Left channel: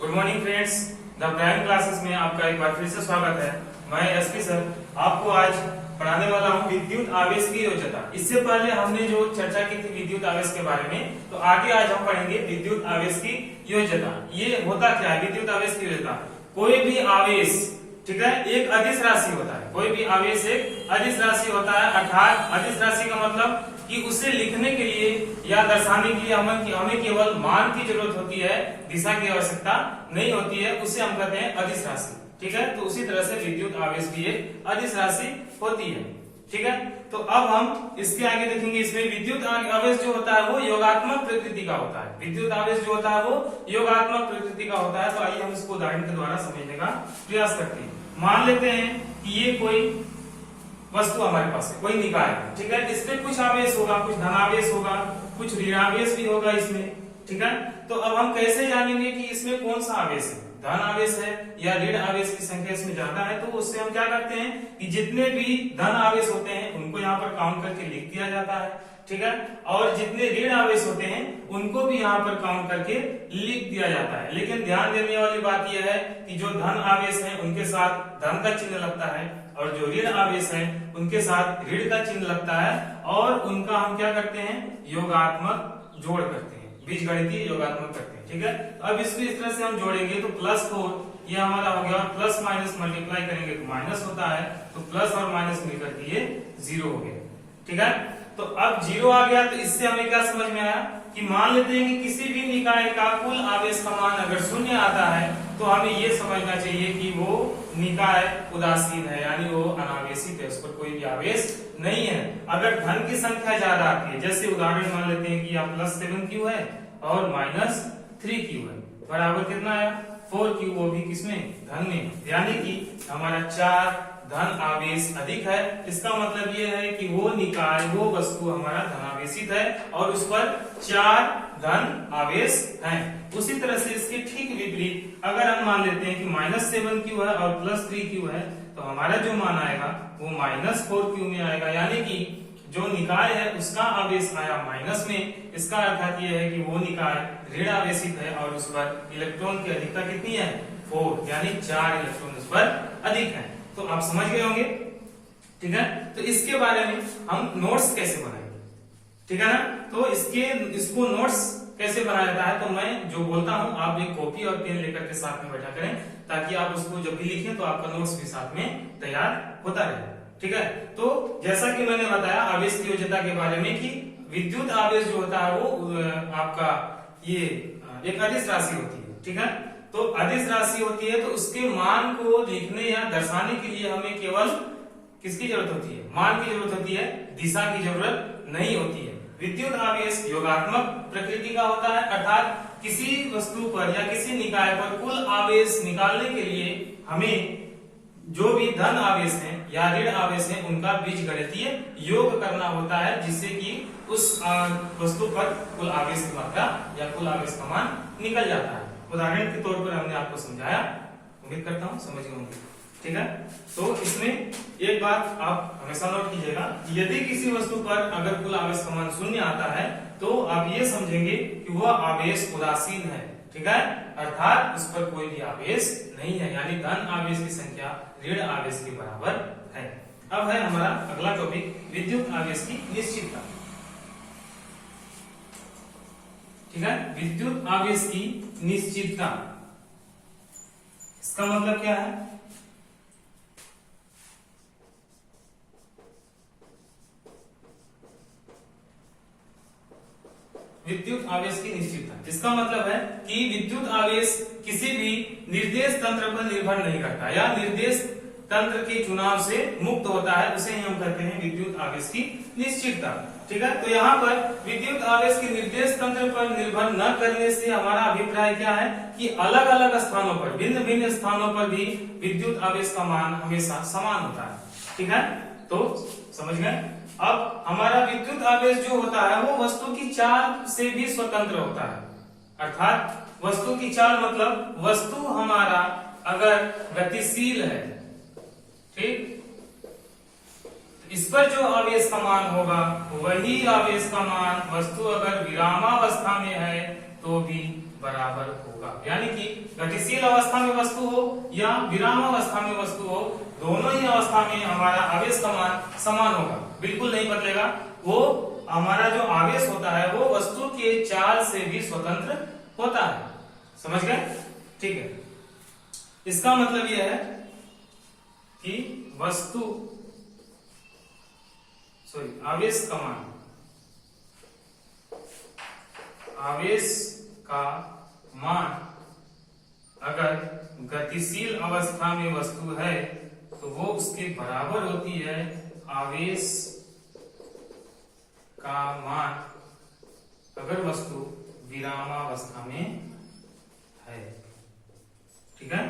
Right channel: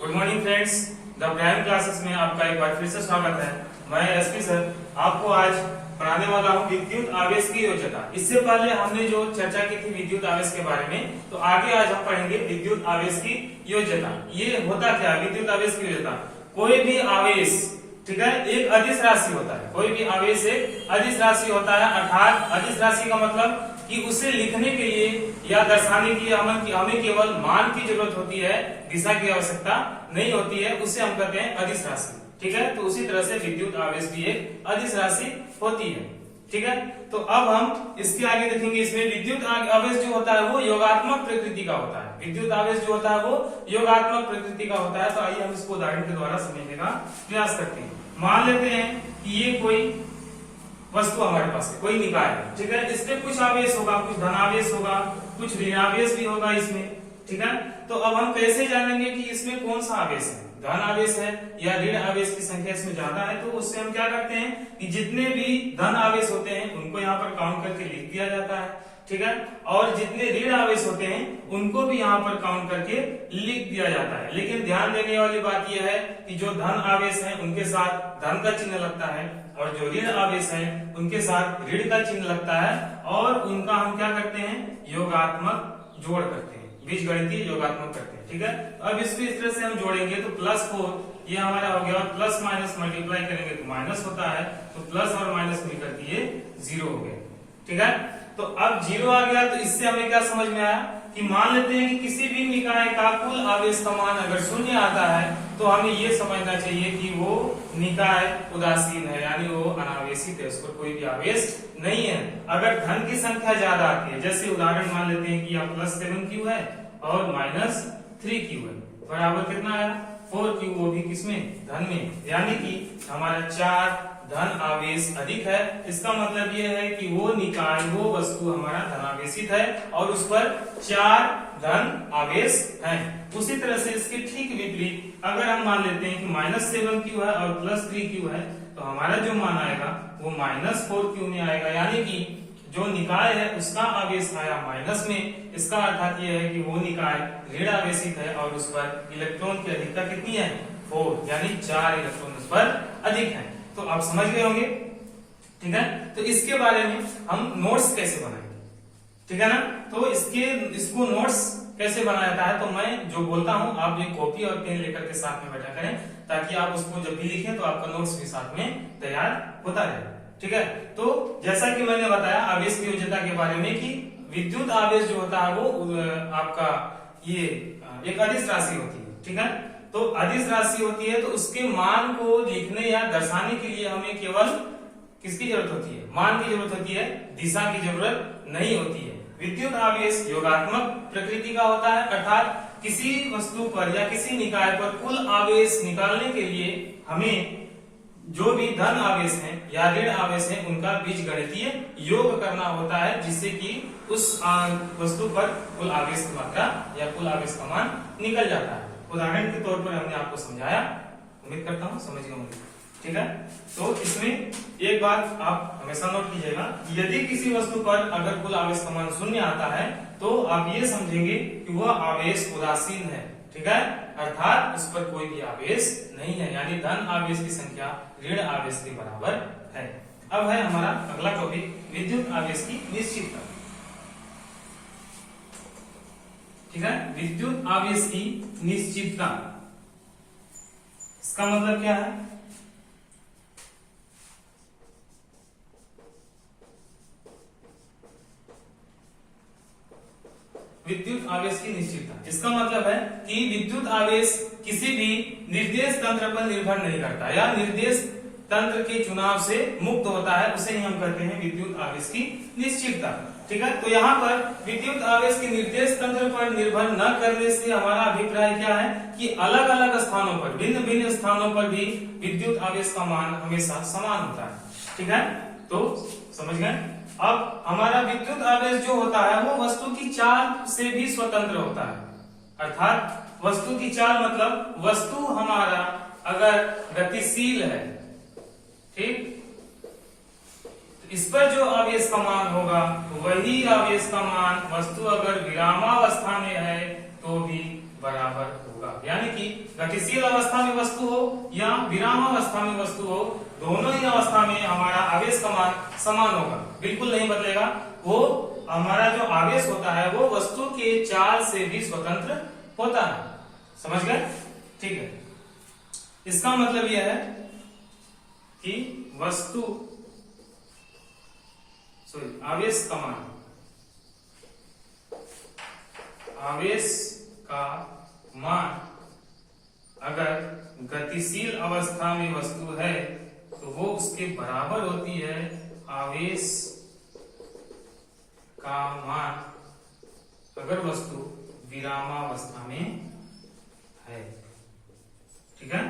Good morning friends, the prime classes में आपका एक बार फिर से स्वागत है। मैं एसपी सर आपको आज पढ़ाने वाला हूँ विद्युत आवेश की योज्यता। इससे पहले हमने जो चर्चा की थी विद्युत आवेश के बारे में, तो आगे आज हम पढ़ेंगे विद्युत आवेश की योज्यता। ये होता क्या है विद्युत आवेश की योज्यता? कोई भी आवेश, ठीक है, एक अदिश राशि होता है। कोई भी आवेश एक अदिश राशि होता है, अर्थात अदिश राशि का मतलब कि उसे लिखने के लिए या दर्शाने के लिए हमें केवल मान की जरूरत होती है, दिशा की आवश्यकता नहीं होती है। उसे हम कहते हैं अदिश राशि, ठीक है। तो उसी तरह से विद्युत आवेश भी एक अदिश राशि होती है, ठीक है। तो अब हम इसके आगे देखेंगे। इसमें विद्युत आवेश जो होता है वो योगात्मक प्रकृति का होता है। विद्युत आवेश जो होता है वो योगात्मक प्रकृति का होता है। तो आइए हम इसको उदाहरण के द्वारा समझने का प्रयास करते हैं। मान लेते हैं कि ये कोई वस्तु हमारे पास है, कोई निकाय है, ठीक है। इसमें कुछ आवेश होगा, कुछ धनावेश होगा, कुछ ऋणावेश भी होगा इसमें, ठीक है। तो अब हम कैसे जानेंगे कि इसमें कौन सा आवेश है, धन आवेश है या ऋण आवेश की संख्या इसमें ज्यादा है? तो उससे हम क्या करते हैं कि जितने भी धन आवेश होते हैं उनको यहाँ पर काउंट करके लिख दिया जाता है, ठीक है। और जितने ऋण आवेश होते हैं उनको भी यहाँ पर काउंट करके लिख दिया जाता है। लेकिन ध्यान देने वाली बात यह है कि जो धन आवेश है उनके साथ धन का चिन्ह लगता है, और जो ऋण आवेश है उनके साथ ऋण का चिन्ह लगता है, और उनका हम क्या करते हैं, योगात्मक जोड़ करते हैं, बीजगणितीय योगात्मक करते हैं, ठीक है। तो अब इसको इस तरह से हम जोड़ेंगे तो +4 ये हमारा हो गया, और प्लस माइनस मल्टीप्लाई करेंगे तो माइनस होता है, तो प्लस और माइनस मिलकर के ये 0 हो गया, ठीक है। तो अब 0 आ गया, तो इससे हमें क्या समझ में आया कि मान लेते हैं कि किसी भी निकाय का कुल आवेश का मान अगर 0 आता है तो हमें ये समझना चाहिए कि वो निकाय उदासीन है, यानी वो अनावेशित है, उस पर कोई भी आवेश नहीं है। अगर धन की संख्या ज्यादा आती है, जैसे उदाहरण मान लेते हैं कि यहाँ +7Q है और -3Q है, बराबर कितना आया 4Q, वो भी किसमें, धन में, यानी कि हमारा 4 धन आवेश अधिक है। इसका मतलब यह है कि वो निकाय, वो वस्तु हमारा धनावेशित है और उस पर 4 धन आवेश हैं। उसी तरह से इसके ठीक विपरीत अगर हम मान लेते हैं कि -7Q है और +3Q है, तो हमारा जो मान आएगा वो -4Q में आएगा, यानी कि जो निकाय है उसका आवेश आया माइनस में। इसका अर्थात यह है कि वो निकाय ऋण आवेशित है और उस पर इलेक्ट्रॉन की अधिकता कितनी है, 4, यानी 4 इलेक्ट्रॉन उस पर अधिक है। तो आप समझ गए होंगे, ठीक है। तो इसके बारे में हम नोट्स कैसे बनाएंगे, ठीक है ना। तो इसको नोट्स कैसे बनाया जाता है, तो मैं जो बोलता हूं आप एक कॉपी और पेन लेकर के साथ में बैठा करें, ताकि आप उसको जब भी लिखें तो आपका नोट्स भी साथ में तैयार होता रहे, ठीक है। तो जैसा कि मैंने बताया आवेश की योज्यता के बारे में कि विद्युत आवेश जो होता है वो आपका ये एक अदिश राशि होती है, ठीक है। तो अदिश राशि होती है, तो उसके मान को लिखने या दर्शाने के लिए हमें केवल किसकी जरूरत होती है, मान की जरूरत होती है, दिशा की जरूरत नहीं होती है। विद्युत आवेश योगात्मक प्रकृति का होता है, अर्थात किसी वस्तु पर या किसी निकाय पर कुल आवेश निकालने के लिए हमें जो भी धन आवेश हैं या ऋण आवेश हैं उनका बीजगणितीय योग करना होता है, जिससे कि उस वस्तु पर कुल आवेश की मात्रा या कुल आवेश का मान निकल जाता है। उदाहरण के तौर पर हमने आपको समझाया, उम्मीद करता हूं समझ गए होंगे, ठीक है। तो इसमें एक बात आप हमेशा नोट कीजिएगा, यदि किसी वस्तु पर अगर कुल आवेश का मान 0 आता है तो आप ये समझेंगे कि वह आवेश उदासीन है, ठीक है, अर्थात उस पर कोई भी आवेश नहीं है, यानी धन आवेश की संख्या ऋण आवेश के बराबर है। अब है हमारा अगला टॉपिक विद्युत आवेश की निश्चितता, ठीक है। विद्युत आवेश की निश्चितता, इसका मतलब क्या है? विद्युत आवेश की निश्चितता, इसका मतलब है कि विद्युत आवेश किसी भी निर्देश तंत्र पर निर्भर नहीं करता या निर्देश तंत्र के चुनाव से मुक्त होता है, उसे ही हम कहते हैं विद्युत आवेश की निश्चितता, ठीक है। तो यहाँ पर विद्युत आवेश के निर्देश तंत्र पर निर्भर न करने से हमारा अभिप्राय क्या है कि अलग अलग स्थानों पर, भिन्न भिन्न स्थानों पर भी विद्युत आवेश का मान हमेशा समान होता है, ठीक है। तो समझ गए। अब हमारा विद्युत आवेश जो होता है वो वस्तु की चाल से भी स्वतंत्र होता है, अर्थात वस्तु की चाल मतलब वस्तु हमारा अगर गतिशील है, ठीक, इस पर जो आवेश का मान होगा वही आवेश का मान वस्तु अगर विरामावस्था में है तो भी बराबर होगा। यानी कि गतिशील अवस्था में वस्तु हो या विराम अवस्था में वस्तु हो, दोनों ही अवस्था में हमारा आवेश का मान समान होगा, बिल्कुल नहीं बदलेगा। वो हमारा जो आवेश होता है वो वस्तु के चाल से भी स्वतंत्र होता है। समझ गए? ठीक है। इसका मतलब यह है कि आवेश का मान अगर गतिशील अवस्था में वस्तु है तो वो उसके बराबर होती है आवेश का मान अगर वस्तु विरामावस्था में है। ठीक है?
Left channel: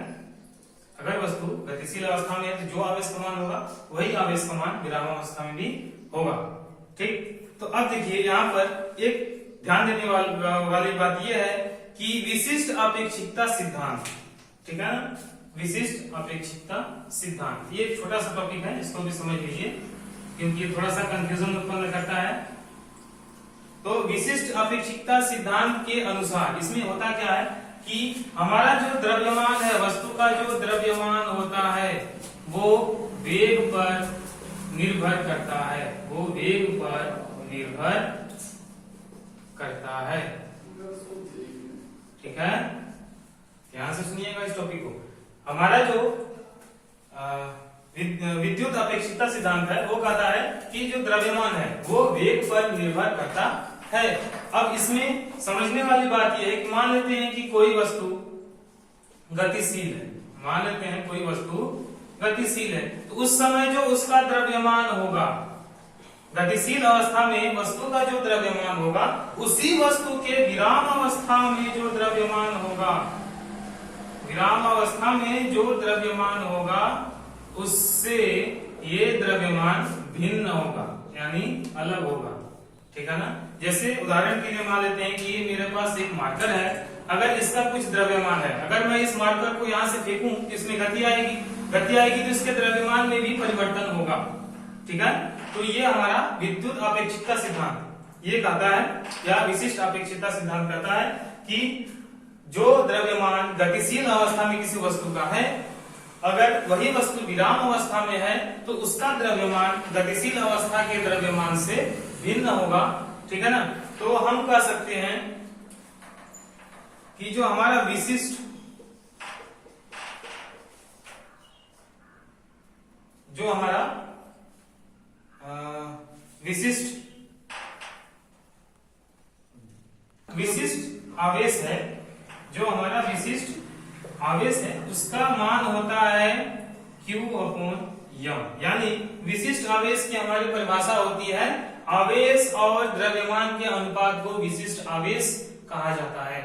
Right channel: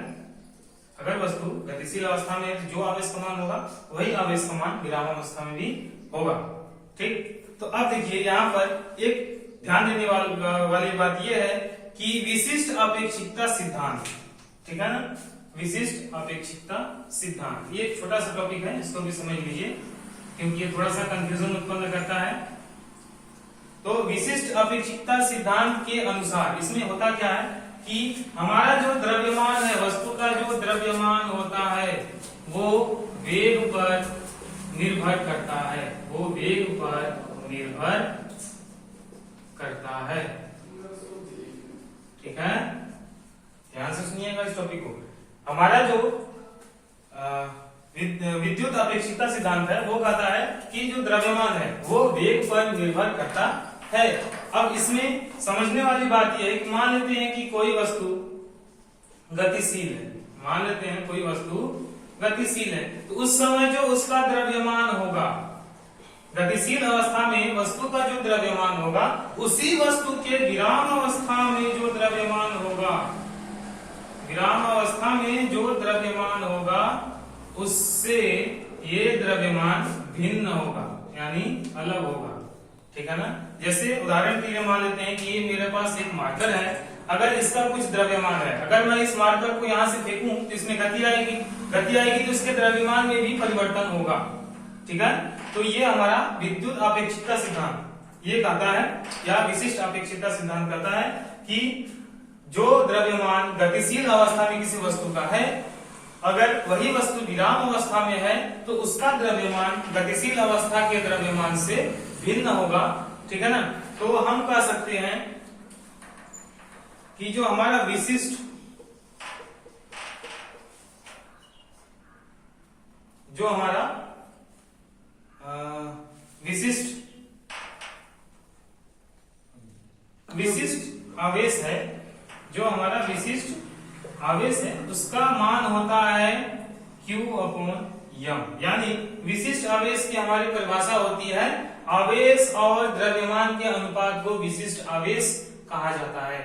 अगर वस्तु गतिशील अवस्था में है तो जो आवेश का मान होगा वही आवेश का मान विरामावस्था में भी होगा। ठीक? तो अब देखिए यहाँ पर एक ध्यान देने वाली बात यह है कि विशिष्ट अपेक्षिकता सिद्धांत, ठीक है ना, विशिष्ट अपेक्षिकता सिद्धांत, ये एक छोटा सा टॉपिक है, इसको भी समझ लीजिए क्योंकि ये थोड़ा सा कंफ्यूजन उत्पन्न करता है। तो विशिष्ट अपेक्षिकता सिद्धांत के अनुसार इसमें होता क्या है कि हमारा जो द्रव्यमान है, वस्तु का जो द्रव्यमान होता है वो वेग पर निर्भर करता है, वो वेग पर निर्भर करता है। ठीक है? ध्यान से सुनिएगा इस टॉपिक को। हमारा जो विद्युत अपेक्षिकता सिद्धांत है वो कहता है कि जो द्रव्यमान है वो वेग पर निर्भर करता है। अब इसमें समझने वाली बात यह है कि मान लेते हैं कि कोई वस्तु गतिशील है, मान लेते हैं कोई वस्तु गतिशील है, तो उस समय जो उसका द्रव्यमान होगा, गतिशील अवस्था में वस्तु का जो द्रव्यमान होगा उसी वस्तु के विराम अवस्था में जो द्रव्यमान होगा, विराम अवस्था में जो द्रव्यमान होगा उससे ये द्रव्यमान भिन्न होगा, यानी अलग होगा। ठीक है ना? जैसे उदाहरण के लिए मान लेते हैं कि ये मेरे पास एक मार्कर है, अगर इसका कुछ द्रव्यमान है, अगर मैं इस मार्कर को यहाँ से फेंकूं तो इसमें गति आएगी तो इसके द्रव्यमान में भी परिवर्तन होगा। ठीक है? तो ये हमारा विद्युत अपेक्षिकता सिद्धांत ये कहता है, या विशिष्ट अपेक्षिकता सिद्धांत कहता है कि जो द्रव्यमान गतिशील अवस्था में किसी वस्तु का है, अगर वही वस्तु विराम अवस्था में है तो उसका द्रव्यमान गतिशील अवस्था के द्रव्यमान से भिन्न होगा। ठीक है ना? तो हम कह सकते हैं कि जो हमारा विशिष्ट आवेश है, जो हमारा विशिष्ट आवेश है उसका मान होता है Q/m। यानी विशिष्ट आवेश की हमारी परिभाषा होती है आवेश और द्रव्यमान के अनुपात को विशिष्ट आवेश कहा जाता है।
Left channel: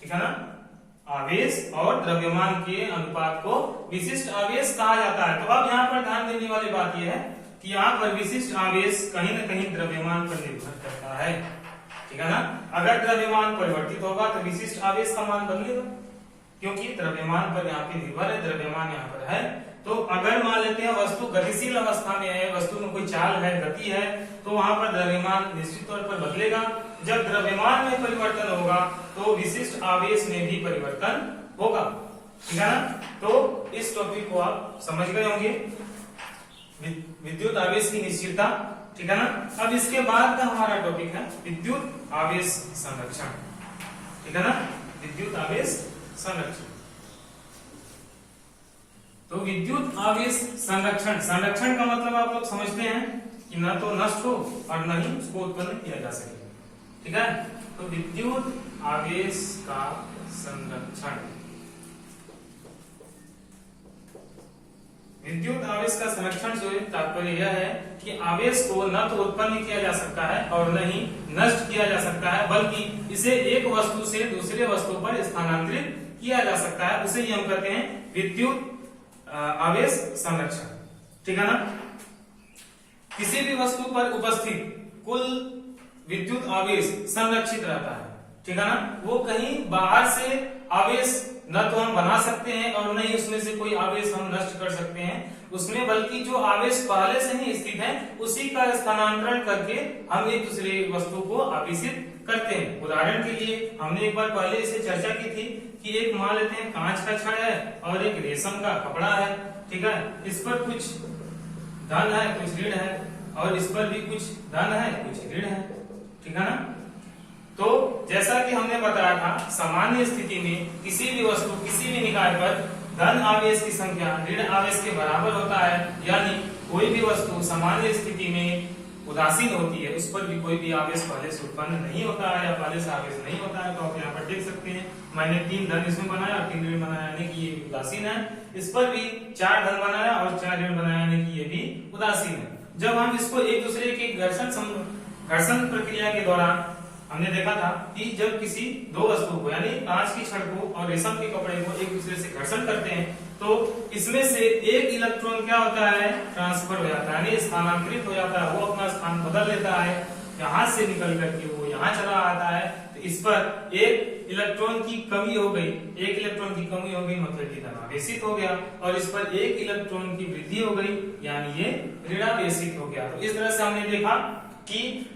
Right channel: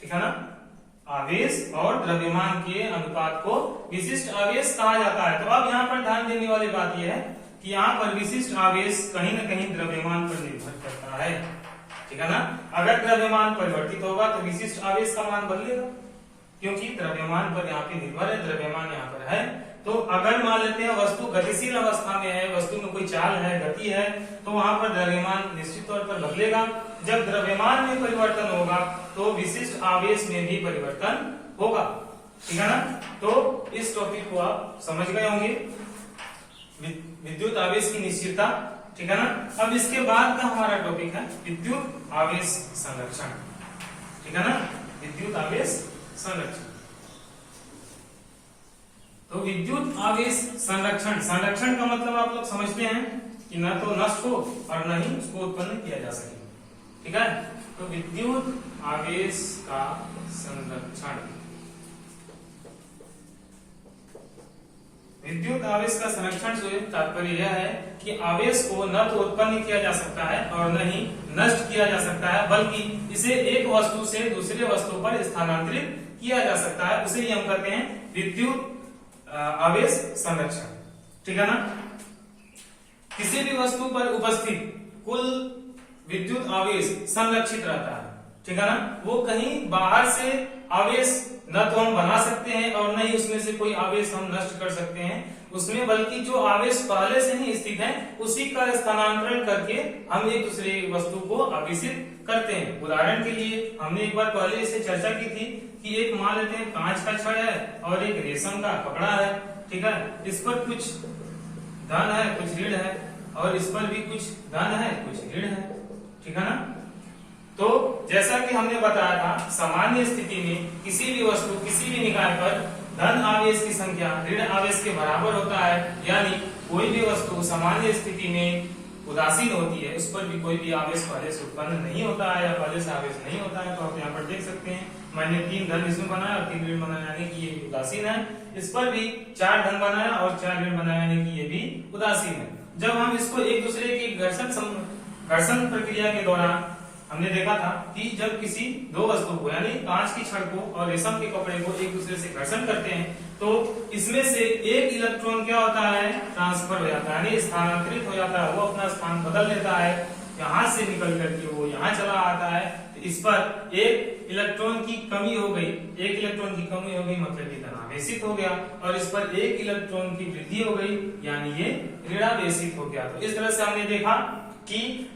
ठीक है ना? आवेश और द्रव्यमान के अनुपात को विशिष्ट आवेश कहा जाता है। तो अब यहाँ पर ध्यान देने वाली बात यह है कि यहाँ पर विशिष्ट आवेश कहीं न कहीं द्रव्यमान पर निर्भर करता है। ठीक है ना? अगर द्रव्यमान परिवर्तित होगा तो विशिष्ट आवेश का मान बदलेगा, क्योंकि द्रव्यमान पर यहाँ पे निर्भर है, द्रव्यमान यहाँ पर है। तो अगर मान लेते हैं वस्तु गतिशील अवस्था में है, वस्तु में कोई चाल है, गति है, तो वहां पर द्रव्यमान निश्चित तौर पर बदलेगा। जब द्रव्यमान में परिवर्तन होगा तो विशिष्ट आवेश में भी परिवर्तन होगा। ठीक है ना? तो इस टॉपिक को आप समझ गए होंगे, विद्युत आवेश की निश्चितता। ठीक है ना? अब इसके बाद का हमारा टॉपिक है विद्युत आवेश संरक्षण। ठीक है ना? विद्युत आवेश संरक्षण। तो विद्युत आवेश संरक्षण का मतलब आप लोग समझते हैं कि न तो नष्ट हो और न ही उसको उत्पन्न किया जा सके। ठीक है? तो विद्युत आवेश का संरक्षण, विद्युत आवेश का संरक्षण से तात्पर्य यह है कि आवेश को न तो उत्पन्न किया जा सकता है और न ही नष्ट किया जा सकता है, बल्कि इसे एक वस्तु से दूसरे वस्तु पर स्थानांतरित किया जा सकता है। उसे ही हम कहते हैं विद्युत आवेश संरक्षण। ठीक है ना? किसी भी वस्तु पर उपस्थित कुल विद्युत आवेश संरक्षित रहता है। ठीक है ना। वो कहीं बाहर से आवेश न तो हम बना सकते हैं और न ही उसमें से कोई आवेश हम नष्ट कर सकते हैं उसमें, बल्कि जो आवेश पहले से ही स्थित है उसी का स्थानांतरण करके हम एक दूसरे वस्तु को आवेशित करते हैं। उदाहरण के लिए हमने एक बार पहले इसे चर्चा की थी कि एक मान लेते हैं कांच का छड़ है और एक रेशम का कपड़ा है, ठीक है। इस पर कुछ धन है कुछ ऋण है और इस पर भी कुछ धन है कुछ ऋण है, ठीक है ना। तो जैसा कि हमने बताया था सामान्य स्थिति में किसी भी वस्तु किसी भी निकाय पर धन आवेश की संख्या ऋण आवेश के बराबर होता है, यानी कोई भी वस्तु सामान्य स्थिति में उदासीन होती है उस पर भी कोई भी आवेश पहले से उत्पन्न नहीं होता है या पहले से आवेश नहीं होता है। तो आप यहाँ पर देख सकते हैं मैंने 3 धन इसमें बनाया और 3 ऋण बनाया यानी कि ये उदासीन है। इस पर भी 4 धन बनाया और 4 ऋण बनाया यानी कि ये भी उदासीन है। जब हम इसको एक दूसरे के घर्षण प्रक्रिया के दौरान हमने देखा था कि जब किसी दो वस्तु को यानी कांच की छड़ को और रेशम के कपड़े को एक दूसरे से घर्षण करते हैं तो इसमें से एक इलेक्ट्रॉन क्या होता है ट्रांसफर हो जाता है यानी स्थानांतरित हो जाता है, वो अपना स्थान बदल लेता है, यहाँ से निकल करके वो यहाँ चला आता है। तो इस पर एक इलेक्ट्रॉन की कमी हो गई, एक इलेक्ट्रॉन की कमी हो गई मतलब ये धनावेशित हो गया और इस पर एक इलेक्ट्रॉन की वृद्धि हो गई यानी ये ऋणावेशित हो गया। तो इस तरह से हमने देखा कि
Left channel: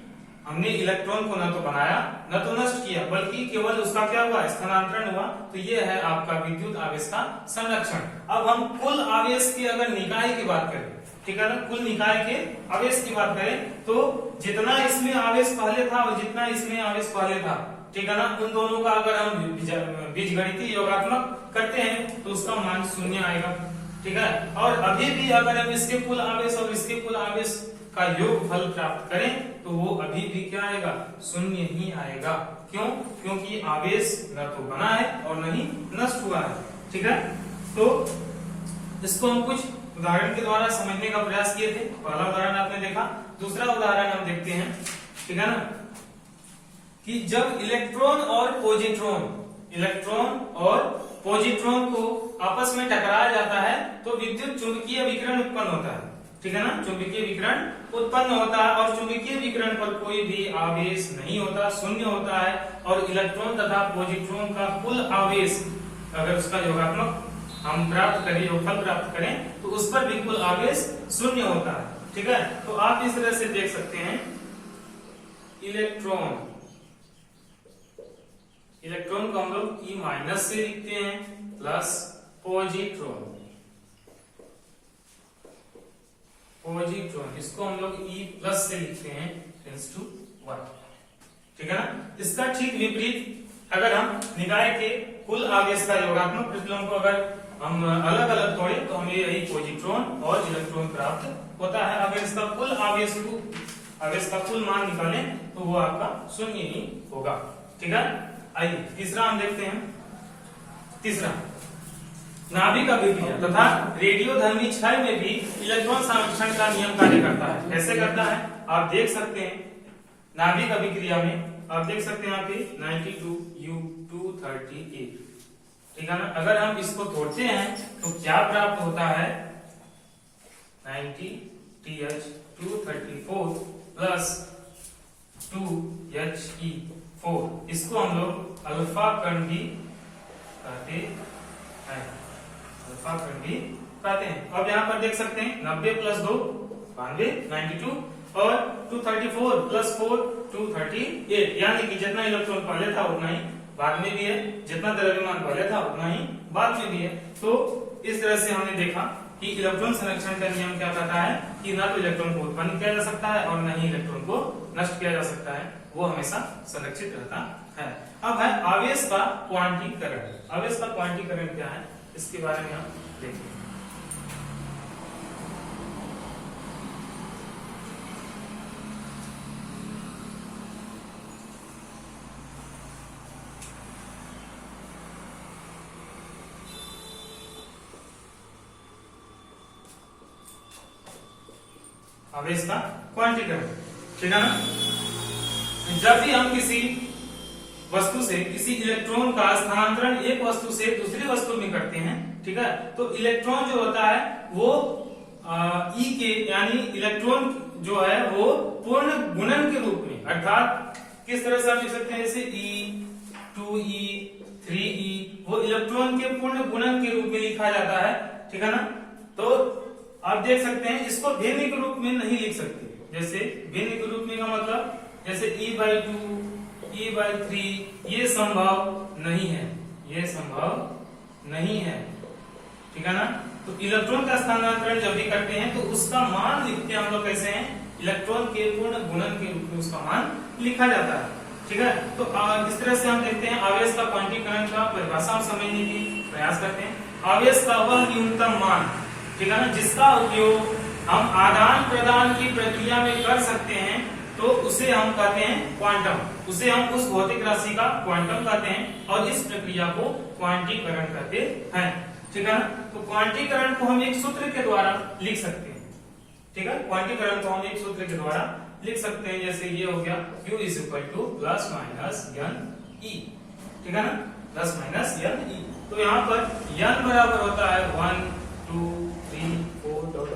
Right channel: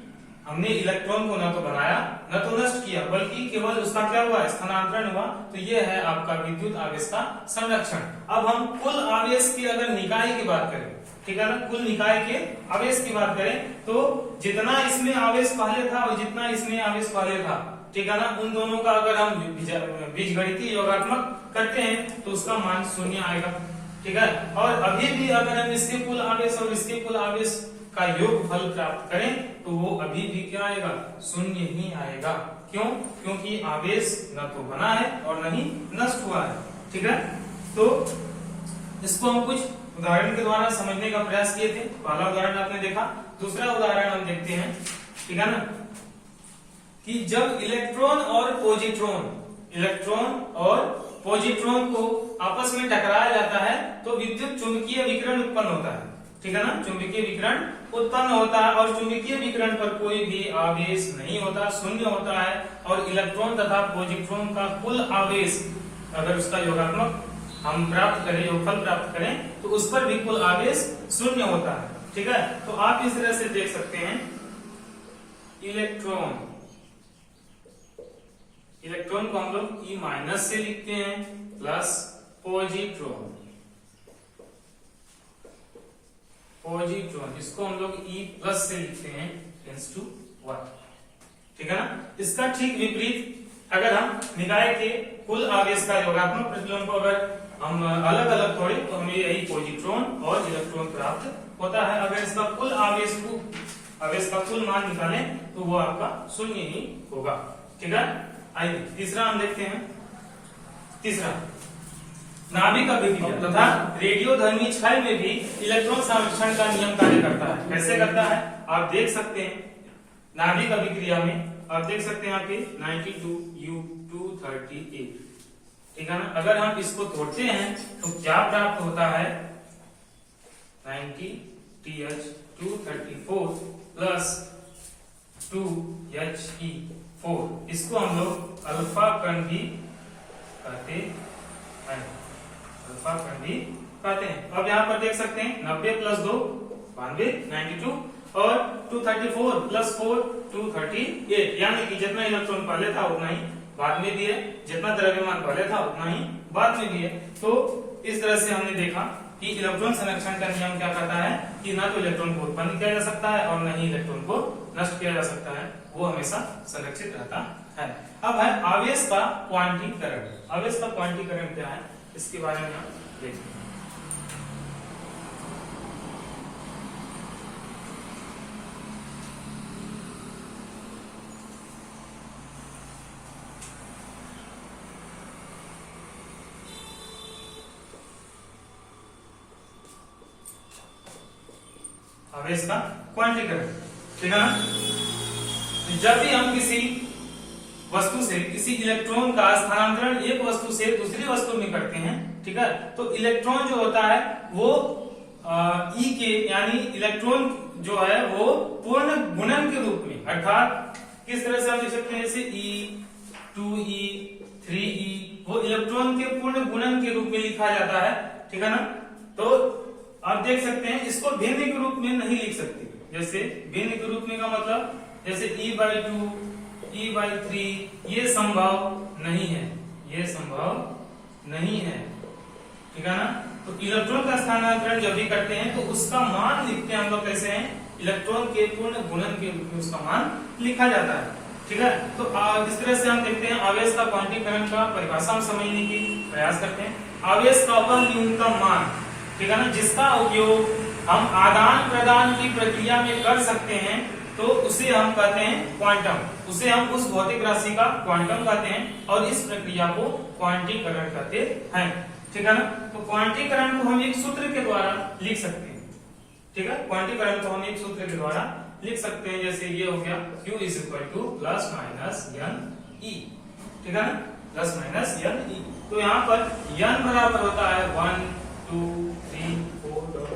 हमने इलेक्ट्रॉन को न तो बनाया न तो नष्ट किया बल्कि केवल उसका क्या हुआ स्थानांतरण हुआ। तो ये है आपका विद्युत आवेश का संरक्षण। अब हम कुल आवेश की अगर निकाय की बात करें, ठीक है ना, कुल निकाय के आवेश की बात करें तो जितना इसमें आवेश पहले था और जितना इसमें आवेश पहले था, ठीक है ना, उन दोनों का अगर हम बीजगणितीय योगात्मक करते हैं तो उसका मान 0 आएगा, ठीक है। और अभी भी अगर हम इसके कुल आवेश और इसके कुल आवेश का योग फल प्राप्त करें तो वो अभी भी क्या आएगा 0 ही आएगा। क्यों? क्योंकि आवेश न तो बना है और न ही नष्ट हुआ है, ठीक है। तो इसको हम कुछ उदाहरण के द्वारा समझने का प्रयास किए थे। पहला उदाहरण आपने देखा, दूसरा उदाहरण हम देखते हैं, ठीक है ना, कि जब इलेक्ट्रॉन और पॉजिट्रॉन को आपस में टकराया जाता है तो विद्युत चुंबकीय विकिरण उत्पन्न होता है, ठीक है ना, चुंबकीय विकिरण उत्पन्न होता है और चुंबकीय विकिरण पर कोई भी आवेश नहीं होता, 0 होता है। और इलेक्ट्रॉन तथा पॉजिट्रॉन का कुल आवेश अगर उसका योगात्मक हम प्राप्त करें, योगफल प्राप्त करें तो उस पर भी कुल आवेश 0 होता है, ठीक है। तो आप इस तरह से देख सकते हैं इलेक्ट्रॉन को हम लोग E माइनस से लिखते हैं प्लस पॉजिट्रॉन इसको हम लोग E प्लस से लिखते हैं 10⁻⁴, ठीक है ना। इसका ठीक विपरीत अगर हम निकाय के कुल आवेश का योगात्मक प्रतिलोम को अगर हम अलग अलग तोड़े तो हमें यही पॉजिट्रॉन और इलेक्ट्रॉन प्राप्त होता है। अगर इसका कुल आवेश का कुल मान निकालें तो वो आपका 0 ही होगा, ठीक है। आइए तीसरा हम देखते हैं। तीसरा नाभिक अभिक्रिया तथा रेडियोधर्मी क्षय में भी इलेक्ट्रॉन संरक्षण का नियम कार्य करता है। कैसे करता है आप देख सकते हैं। नाभिक अभिक्रिया में आप देख सकते हैं यहाँ पे 92U238, ठीक है ना। अगर हम इसको तोड़ते हैं तो क्या प्राप्त होता है 90TH234 प्लस 2He4। इसको हम लोग अल्फा कण भी कहते हैं, अल्फा कण भी कहते हैं। अब यहाँ पर देख सकते हैं 90 प्लस 2 92 92 और 234 प्लस 4 238, यानी कि जितना इलेक्ट्रॉन पहले था उतना ही बाद में भी है, जितना द्रव्यमान पहले था उतना ही बाद में भी है। तो इस तरह से हमने देखा कि इलेक्ट्रॉन संरक्षण का नियम क्या कहता है कि ना तो इलेक्ट्रॉन को उत्पन्न किया जा सकता है और न ही इलेक्ट्रॉन को नष्ट किया जा सकता है, वो हमेशा संरक्षित रहता है। अब है आवेश का क्वांटीकरण। आवेश का क्वांटीकरण क्या है इसके बारे में हम देखते हैं। आवेश का क्वांटीकरण, ठीक है ना। जब भी हम किसी वस्तु से किसी इलेक्ट्रॉन का स्थानांतरण एक वस्तु से दूसरी वस्तु में करते हैं, ठीक है, तो इलेक्ट्रॉन जो होता है वो E के यानी इलेक्ट्रॉन जो है वो पूर्ण गुणन के रूप में, अर्थात किस तरह से हम लिख सकते हैं जैसे E 2e 3e वो इलेक्ट्रॉन के पूर्ण गुणन के रूप में लिखा जाता है, ठीक है ना। तो आप देख सकते हैं इसको भिन्न के रूप में नहीं लिख सकते। जैसे भिन्न के रूप में का मतलब जैसे e/2 e/3 ये संभव नहीं है, ये संभव नहीं है, ठीक है ना। तो इलेक्ट्रॉन का स्थानांतरण जब भी करते हैं तो उसका मान लिखते हैं हम लोग कैसे हैं, इलेक्ट्रॉन के पूर्ण गुणन के रूप में उसका मान लिखा जाता है, ठीक है। तो इस तरह से हम देखते हैं आवेश का क्वांटीकरण का परिभाषा हम समझने की प्रयास करते हैं। आवेश का वह न्यूनतम मान, ठीक है ना, जिसका उपयोग हम आदान प्रदान की प्रक्रिया में कर सकते हैं, तो उसे हम कहते हैं क्वांटम, उसे हम उस भौतिक राशि का क्वांटम कहते हैं और इस प्रक्रिया को क्वांटीकरण कहते हैं, ठीक है ना। तो क्वांटीकरण को हम एक सूत्र के द्वारा लिख सकते हैं, ठीक है। क्वांटीकरण को हम एक सूत्र के द्वारा लिख सकते हैं, जैसे ये हो गया Q = +- NE, ठीक है ना, +- NE। तो यहाँ पर n बराबर होता है 1 2 3 4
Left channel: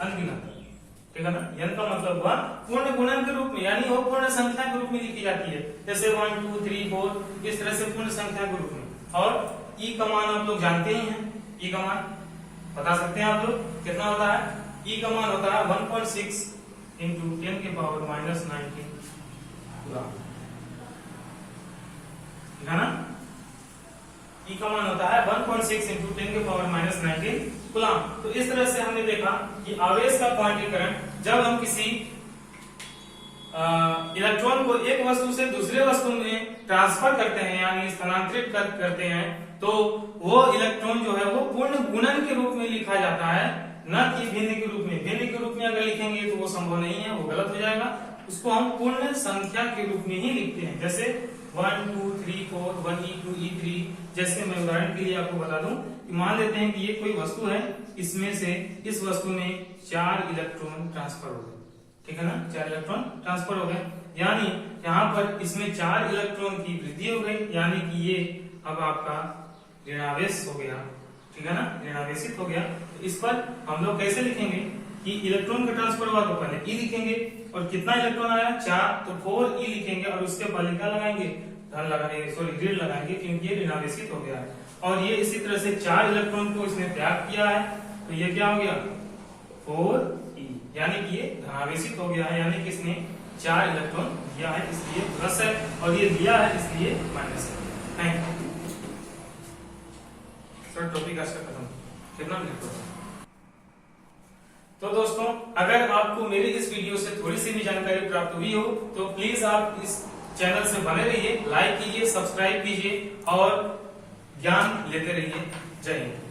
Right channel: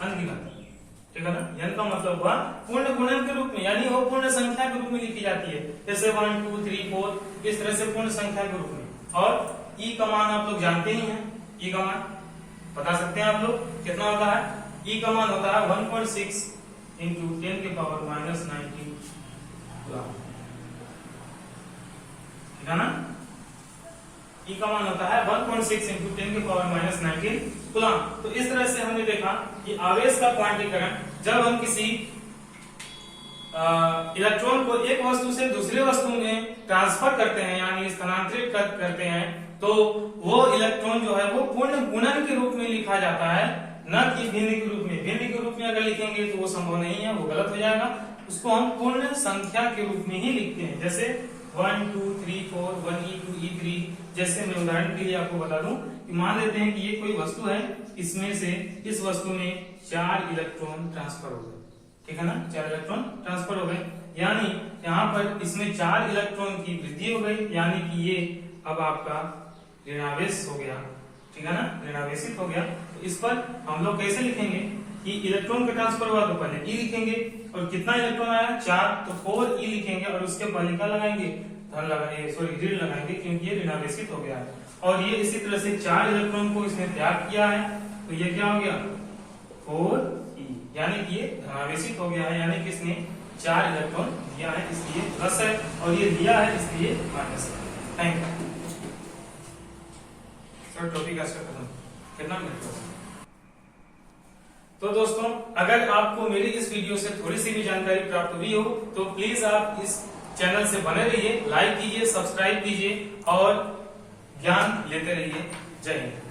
अनगिनत, ठीक है ना। n का मतलब हुआ पूर्ण गुणन के रूप में, यानी वो पूर्ण संख्या के रूप में लिखी जाती है, जैसे 1 2 3 4 इस तरह से पूर्ण संख्या के रूप में। और e का मान आप लोग जानते ही हैं, e का मान बता सकते हैं आप लोग कितना होता है, e का मान होता है 1.6 × 10⁻⁻19 कूलम, है ना। E का मान होता है 1.6 × 10⁻⁻19 कूलम। तो इस तरह से हमने देखा कि आवेश का क्वांटीकरण जब हम किसी इलेक्ट्रॉन को एक वस्तु से दूसरे वस्तु में ट्रांसफर करते हैं यानी स्थानांतरित करते हैं, तो वो इलेक्ट्रॉन जो है वो पूर्ण गुणन के रूप में लिखा जाता है, न कि भिन्न के रूप में। भिन्न के रूप में अगर लिखेंगे तो वो संभव नहीं है, वो गलत हो जाएगा। उसको हम पूर्ण संख्या के रूप में ही लिखते हैं, जैसे 1 2 3 4 1e 2e 3। जैसे मैं उदाहरण के लिए आपको बता दूं कि मान लेते हैं कि ये कोई वस्तु है, इसमें से इस वस्तु में 4 इलेक्ट्रॉन ट्रांसफर हो गए, ठीक है ना, 4 इलेक्ट्रॉन ट्रांसफर हो गए, यानी यहाँ पर इसमें 4 इलेक्ट्रॉन की वृद्धि हो गई, यानी कि ये अब आपका ऋणावेश हो गया, ठीक है ना, ऋणावेशित हो गया। तो इस पर हम लोग कैसे लिखेंगे कि इलेक्ट्रॉन का ट्रांसफर हुआ तो पहले e लिखेंगे, और कितना इलेक्ट्रॉन आया 4, तो 4e लिखेंगे और उसके पहले क्या लगाएंगे, धन लगाएंगे, सॉरी ऋण लगाएंगे, क्योंकि ये ऋणावेशित हो गया। और ये इसी तरह से 4 इलेक्ट्रॉन को इसने त्याग किया है, तो ये क्या हो गया 4e, यानी कि ये धनावेशित हो गया है, यानी कि इसने 4 इलेक्ट्रॉन दिया है इसलिए प्लस है, और ये लिया है इसलिए माइनस है। Thank you. टॉपिक आज का खत्म, कितना मिनट होगा। तो दोस्तों, अगर आपको मेरी इस वीडियो से थोड़ी सी भी जानकारी प्राप्त हुई हो तो प्लीज आप इस चैनल से बने रहिए, लाइक कीजिए, सब्सक्राइब कीजिए और ज्ञान लेते रहिए। जय हिंद।